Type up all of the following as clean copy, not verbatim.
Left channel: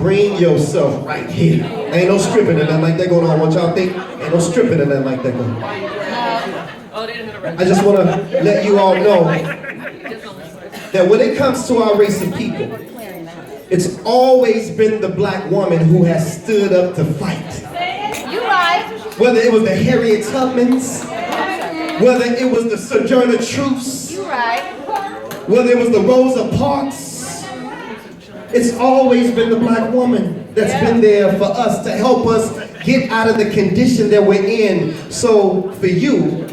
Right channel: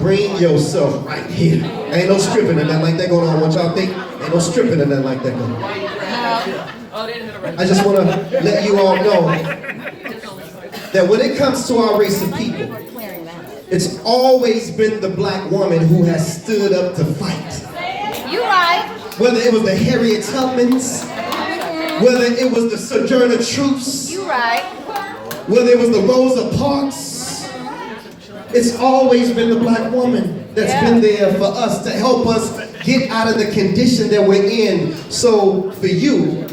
Bring yourself right here. Ain't no stripping or nothing like that going on. What y'all think? Ain't no stripping or nothing like that going on. I just want to let you all know that when it comes to our race of people, it's always been the black woman who has stood up to fight. You right. Whether it was the Harriet Tubmans, whether it was the Sojourner Truths, You right. whether it was the Rosa Parks, it's always been the black woman that's been there for us to help us get out of the condition that we're in. So for you,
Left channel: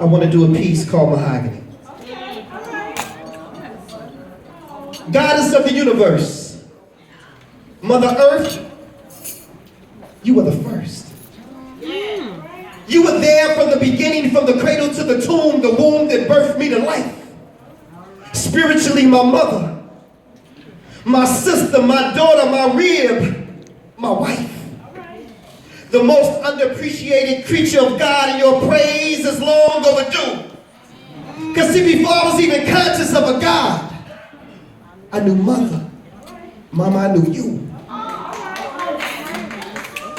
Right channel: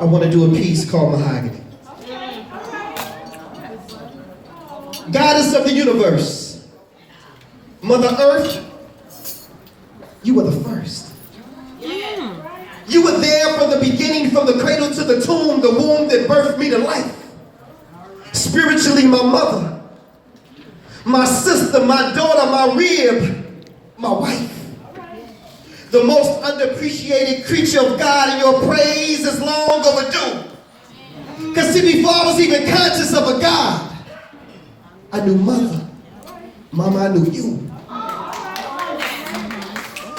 I want to do a piece called Mahogany. Goddess of the universe, Mother Earth, you were the first. You were there from the beginning, from the cradle to the tomb, the womb that birthed me to life. Spiritually, my mother, my sister, my daughter, my rib, my wife. The most underappreciated creature of God, and your praise is long overdue. Because see, before I was even conscious of a God, I knew mother. Mama, I knew you.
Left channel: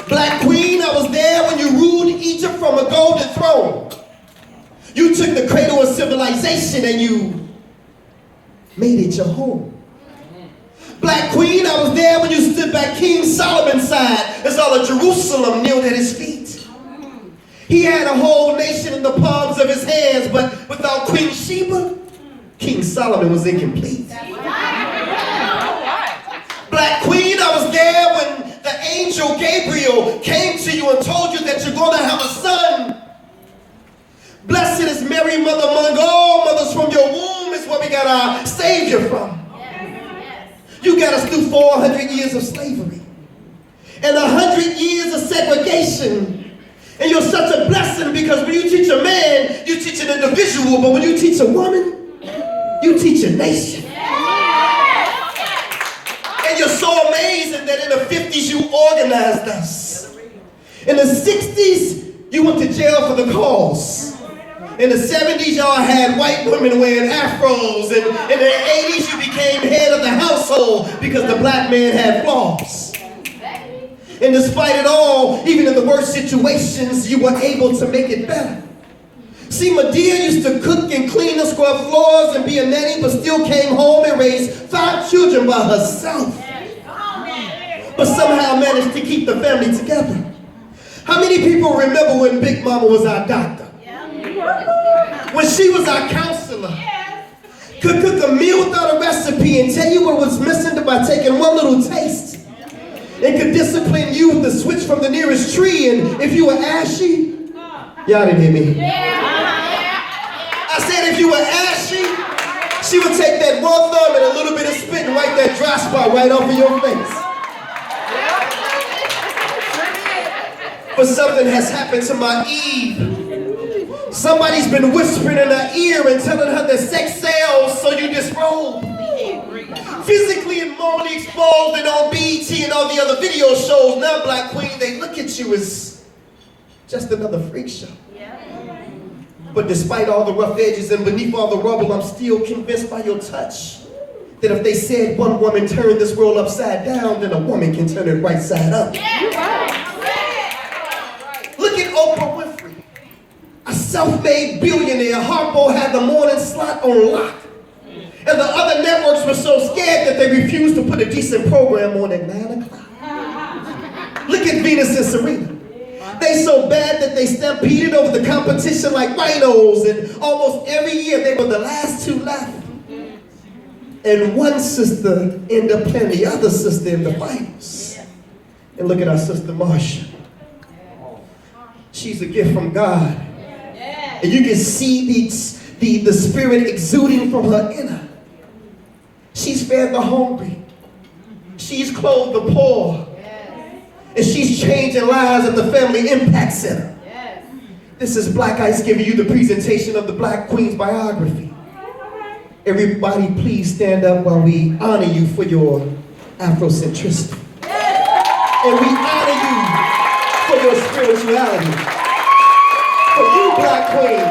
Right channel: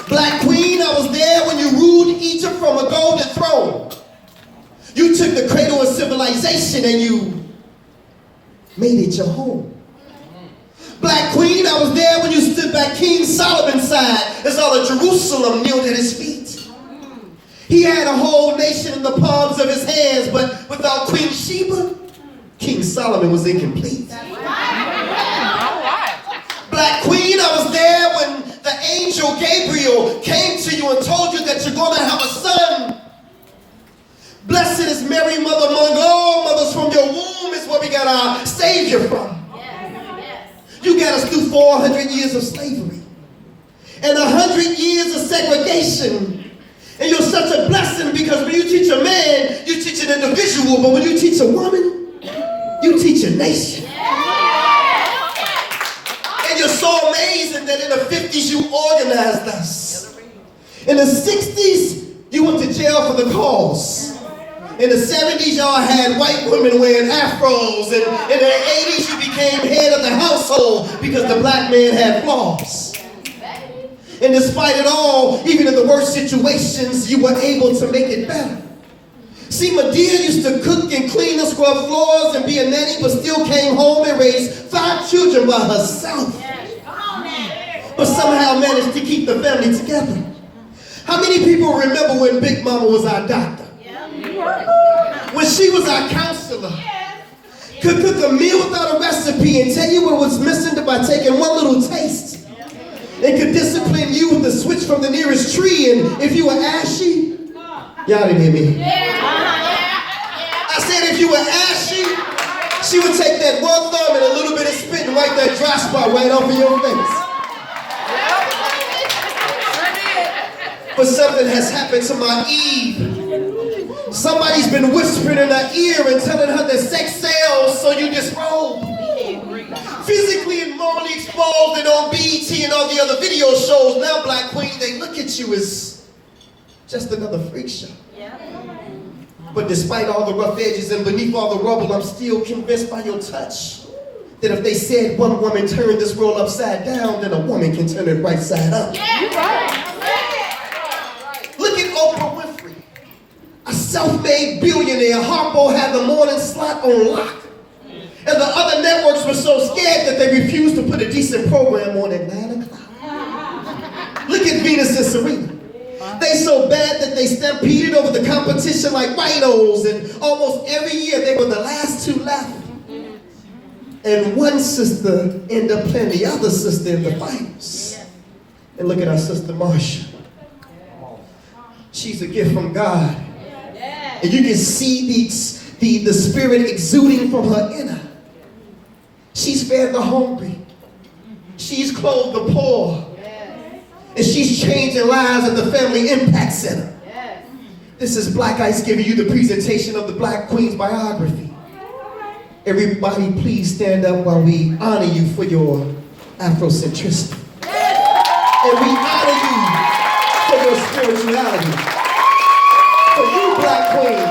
Black Queen, I was there when you ruled Egypt from a golden throne. You took the cradle of civilization and you made it your home. Black Queen, I was there when you stood by King Solomon's side as all of Jerusalem kneeled at his feet. He had a whole nation in the palms of his hands, but without Queen Sheba, King Solomon was incomplete. Black Queen, I was there when the angel Gabriel came to you and told you that you're going to have a son. Blessed is Mary, mother among all mothers, from your womb is where we got our Savior from. You got us through 400 years of slavery and 100 years of segregation. And you're such a blessing because when you teach a man, you teach an individual, but when you teach a woman, you teach a nation. And you're so amazing that in the 50s you organized us. In the 60s, you went to jail for the cause. In the 70s, y'all had white women wearing afros. And in the 80s, you became head of the household because the black man had flaws. And despite it all, even in the worst situations, you were able to make it better. See, Medea used to cook and clean and scrub floors and be a nanny, but still came home and raised 5 children by herself. But somehow managed to keep the family together. How many people remember when Big Mama was our doctor? When she was our counselor? Could cook a meal without a recipe and tell you what was missing by taking one little taste. It could discipline you with the switch from the nearest tree, and if you were ashy, y'all didn't hear me. I said if you were ashy, she would take that one thumb and a little bit of spit and wipe that dry spot right off of your face. But something has happened to my Eve. Somebody's been whispering in her ear and telling her that sex sells, so you disrobe. Physically and morally exposed and on BET and all the other video shows. Now, Black Queen, they look at you as just another freak show. But despite all the rough edges and beneath all the rubble, I'm still convinced by your touch that if they said one woman turned this world upside down, then a woman can turn it right side up. Look at Oprah Winfrey, a self-made billionaire. Harpo had the morning slot on lock. And the other networks were so scared that they refused to put a decent program on at 9 o'clock. Look at Venus and Serena. They so bad that they stampeded over the competition like rhinos, and almost every year they were the last 2 left. And one sister ended up playing the other sister in the finals. And look at our sister Marsha. She's a gift from God. And you can see the spirit exuding from her inner. She's fed the hungry. She's clothed the poor. And she's changing lives at the Family Impact Center. This is Black Ice giving you the presentation of the Black Queen's biography. Everybody please stand up while we honor you for your Afrocentricity. And we honor you for your spirituality. For you, Black Queen,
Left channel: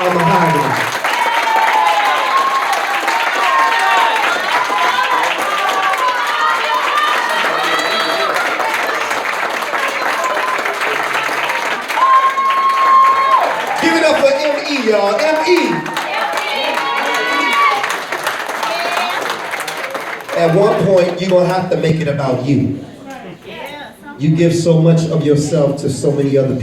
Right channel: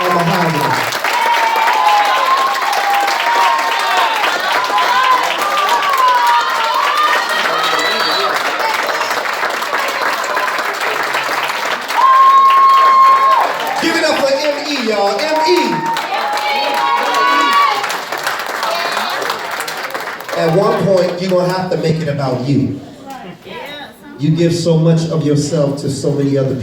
are Mahogany. y'all. M-E. At one point, you're going to have to make it about you. You give so much of yourself to so many other people.